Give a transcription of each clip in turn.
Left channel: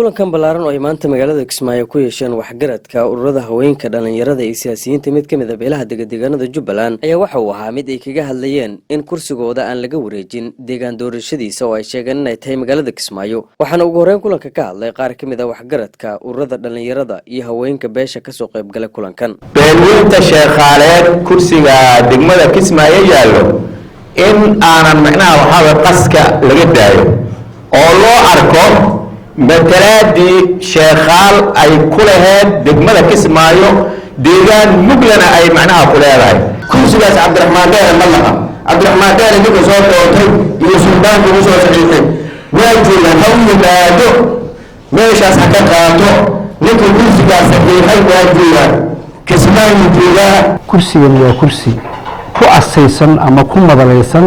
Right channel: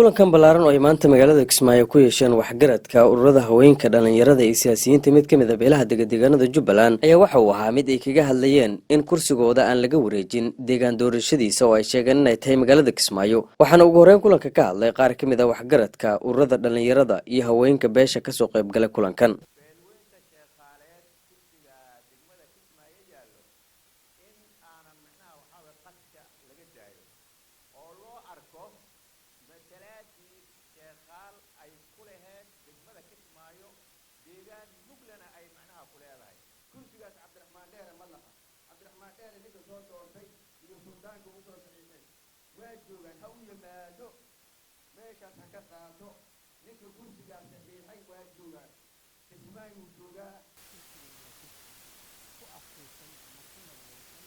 kulankan ballaaran oo ay maanta magaalada Kismaayo ku yeesheen waxgaradka ururada haweenka dhalinyarada iyo siyaasiyiinta mid kamid ah beelaha deegaanada Jubbaland ayaa waxa uu ahaa mid ay kaga hadlayeen in kursigooda aan laga wareejin deegaan doorashadiisa oo ay sheegeen in ay tahay magaalada Kismaayo waxaana ugu horreyn kulanka ka hadlay qaar kamid ah waxgaradka ururada dhalinyarada iyo haweenka beesha ka soo qayb galay kulankan beelweynta sheekhaaleed kursiga degmada Kismaayo yaalo in aanan macnaha waxa qaska laga daayo oo loo arko matalaadii sheekhaal ay ku lahayd degmada Kismaayo deegaan muglana ay macnaha ku leedahay kursigaas Cabdiraxmaan Deere malaha Cabdiraxmaan Deere ninka soo doortay iyo suldaanka uu soo saxiixay waa joogaan ha u yimaado meeshaas ha ka qaato ninka kursigaas saxiixay waa joogaan Kismaayo joogaa kursigan waa kursi ku asaysan ama ku madalaysan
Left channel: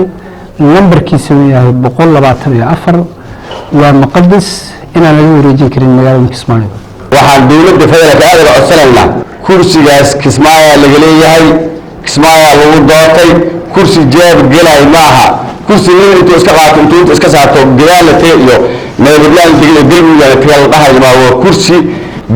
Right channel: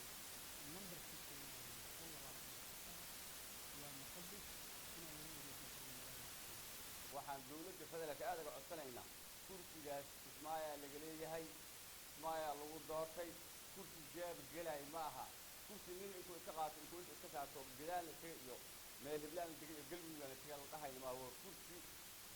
nambarkiisu yahay 124 waa muqaddas inaan lagu wareejin karin magaalada Kismaayo waxaan dawladda federaalka aad uga codsanayna kursigaas Kismaayo laga leeyahay Kismaayo lagu doortay kursi jeeb galay maaha kursi intuu iska qaato intuu iska saarto gaalate iyo meelbaan digay dilmiga kala dhahay waa kursi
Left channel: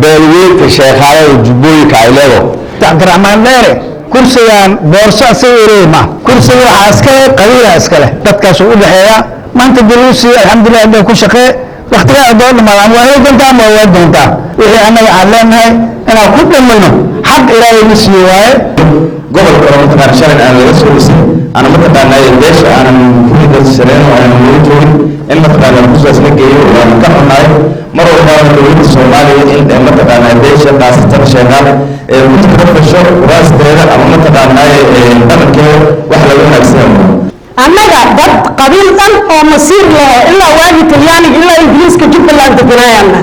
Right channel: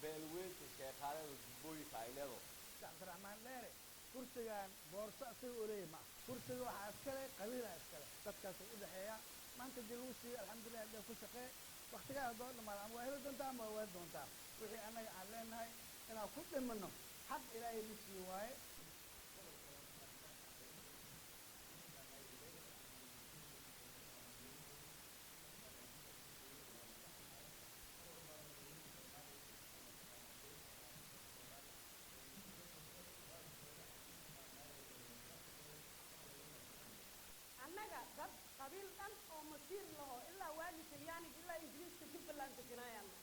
beelweynta sheekhaaleed Jubbooyinka ay leedo Cabdiraxmaan Deere kursigan boorso asageeyma kursiga waxa iska qabiila iska leh dadkaas u dhaxeeya maanta dulusi alxamdulillah inta ku shaqee waqtiga doon ma aan waa doontaa ma waa doontaa wixii anaga aan leenahay inaan ku dhamayno xaq ilaahay nasiyo waaye gobolka Roomaha shalay aan laga soo dhisay ana ma taqaanay deesha aan kulida sareen oo aan joogin in ma taqaanay kursigaas la geeyo waan ka xunaay mar walba dowladda Soomaaliya in ma taqaanay deesha qaasatan sheegaan ee mid ka fasho raasteeda ama ma taqaanay dalkeeda wax lagu wanaagsan annaga dad qabiil dhan oo masiir leh ilaa waagi Talyaani ilaa Ingiriiska Jubbaland deganayna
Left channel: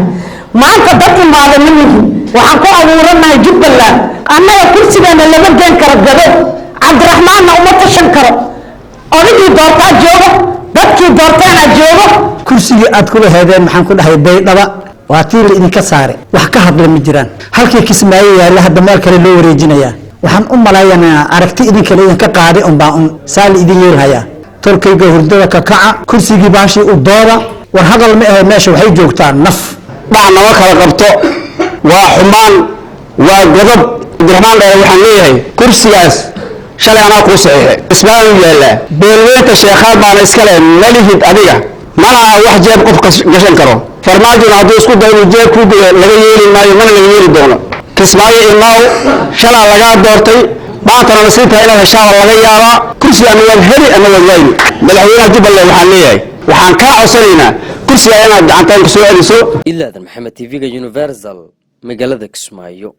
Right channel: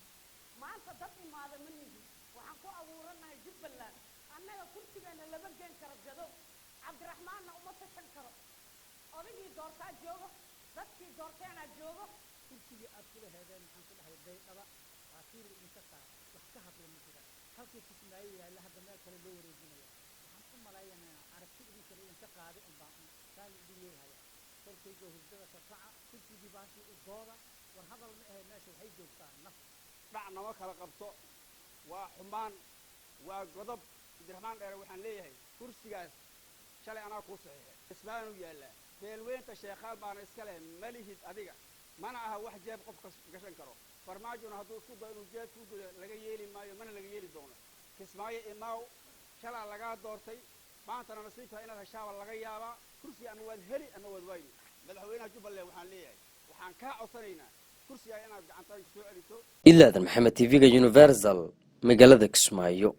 maanta dad imaada minigi waxaan ku abuuranahay Jubbaland annaga kursigeena lama geen karo gado Cabdiraxmaan uma tashan karo odigii doortaa joogo dadkii doortaana joogo kursiga aad ku lahaydeen maxaan ku dhahay baydhaba waa tii idinka saare wax ka hadla ma jiraan halkii Kismaayo yaala hadda meel kale loo wareejinayaa waxaan u malaayanaa aragti idin kale idin ka qaaday baan saal idin yeelhaya tolkayga hurdada ka kaca kursigii baashi u dooda war hadal ma ahay meesha waxay joogtaan naf dhacna wa kala qabto waa xumaan waa godob Cabdiraxmaan Deere waxaan leeyahay kursigaas shalay ana ku saxiixay Kismaayo yaala beelweynta sheekhaal baan iska leh malihid adiga malaha wax jeeb qof gashan karo farmaajo haddii isku dayo jeeb ku laga yeeli maayo mana laga yeeli doono Kismaayo inaa shalay laga doortay baatana nasiibta ila heshaa laga yaaba kursiga aan wada heli ama wada madaxweynaha Jubbaland waxaan leeyahay waxaan ka codsanaynaa kursiga inaad gacantaan ku soo celiso ilaa Maxamed TV-ga Universal magaalada Kismaayo.